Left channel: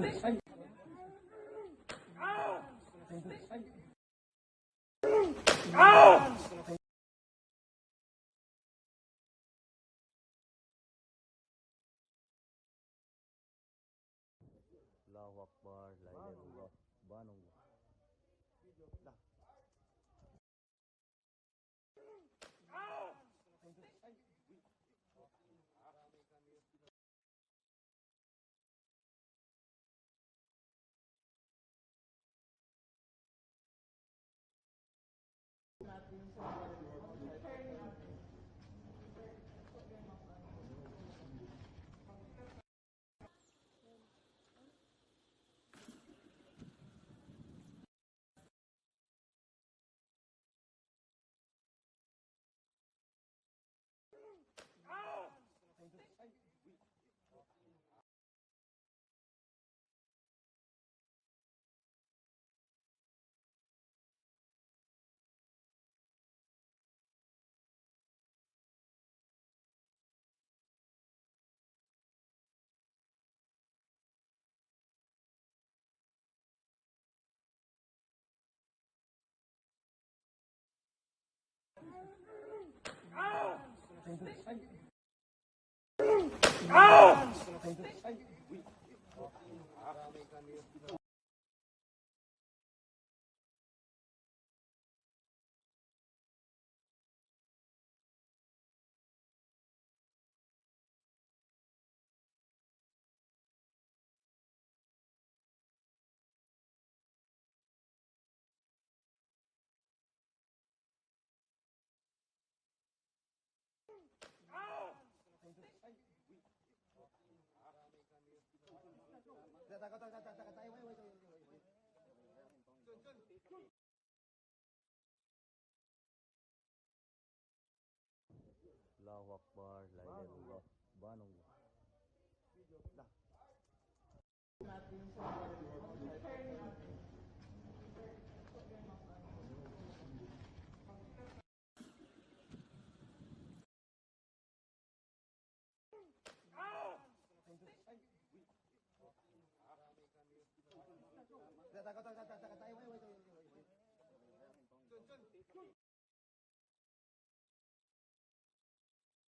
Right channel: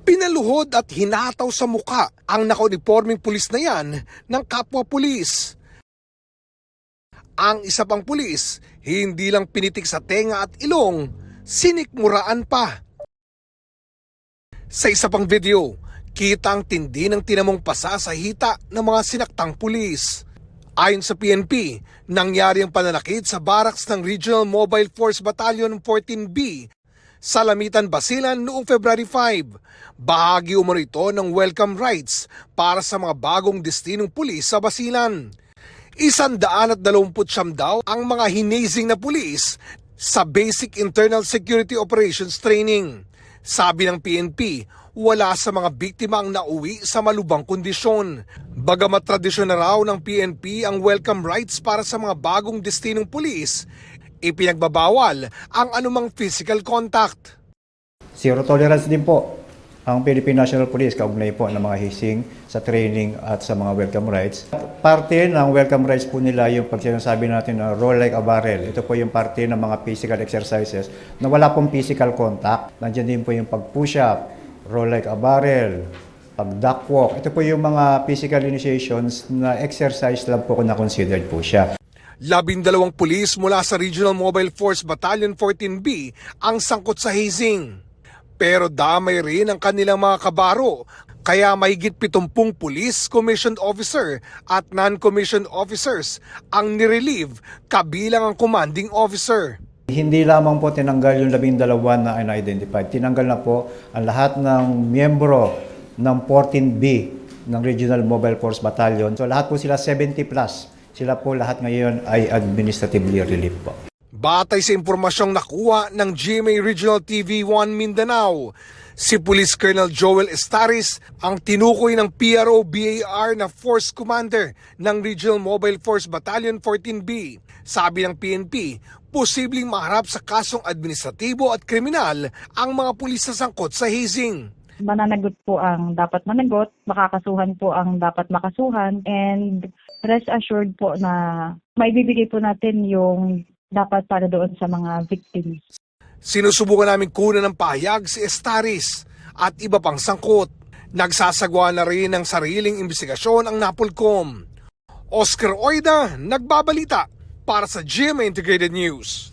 Pinaluhod at hinataw sa muka ang nakauniforming pulis na yan ng kapwa pulis. Ang isa pang pulis, hindi lang pinitik sa tenga at ilong, sinikmuraan pa. Sa isa pang video, kita ang tindi ng tinamong pasa sa hita ng mga sinaktang pulis. Ayon sa PNP, nangyari ang pananakit sa barracks ng Regional Mobile Force Battalion 14B sa Lamitan, Basilan noong February 5. Bahagi umano ito ng welcome rights para sa mga bagong destinong pulis sa Basilan. 129 daw ang mga hinazing na pulis sa Basic Internal Security Operations Training. Sabi ng PNP, wala sa mga biktima ang nauwi sa malubhang kondisyon. Bagamat tradisyon na raw ng PNP ang welcome rights para sa mga bagong destinong pulis, ipinagbabawal ang anumang physical contact. Zero tolerance din po ang Philippine National Police kaugnay po ng mga hising sa training at sa mga welcome rights. Parte ng welcome rights po nila yung pag sinasabi natin na roll like a barrel. Ito po yung parte ng mga physical exercises na wala pong physical contact. Nandiyan din po yung pag-push up, roll like a barrel, pag-duck walk. Ito po yung mga physical initiations na exercise lang po kung na-considered po siya. 12 pulis mula sa Regional Mobile Force Battalion 14B ang sangkot sa hazing. Pero damay rin ang kanilang mga kabaro, kaya mahigit 70 pulis, commissioned officer at non-commissioned officers ang nirelieve kabilang ang commanding officer. Hindi lamang po tinanggal yung 12 na unidentified. Tinanggal na po ang lahat ng miyembro ng 14B ng Regional Mobile Force Battalion. So lahat po sila 70 plus. Sila po lahat ngayon ay administratively relieved po. Batay sa impormasyong nakuha ng GMA Regional TV 1 Mindanao, si Police Colonel Joel Estaris ang tinukoy ng PRO-BAR na Force Commander ng Regional Mobile Force Battalion 14B. Sabi ng PNP, posibleng maharap sa kasong administratibo at kriminal ang mga pulis na sangkot sa hazing. Mananagot po ang dapat managot, makakasuhan po ang dapat makasuhan, and rest assured po na maibibigay po natin yung dapat para doon sa mga victims. Sinusubukan namin kunan ng pahayag si Estaris at iba pang sangkot. Nagsasagawa na rin ng sariling imbestigasyon ang NAPOLCOM. Oscar Oida, nagbabalita para sa GMA Integrated News.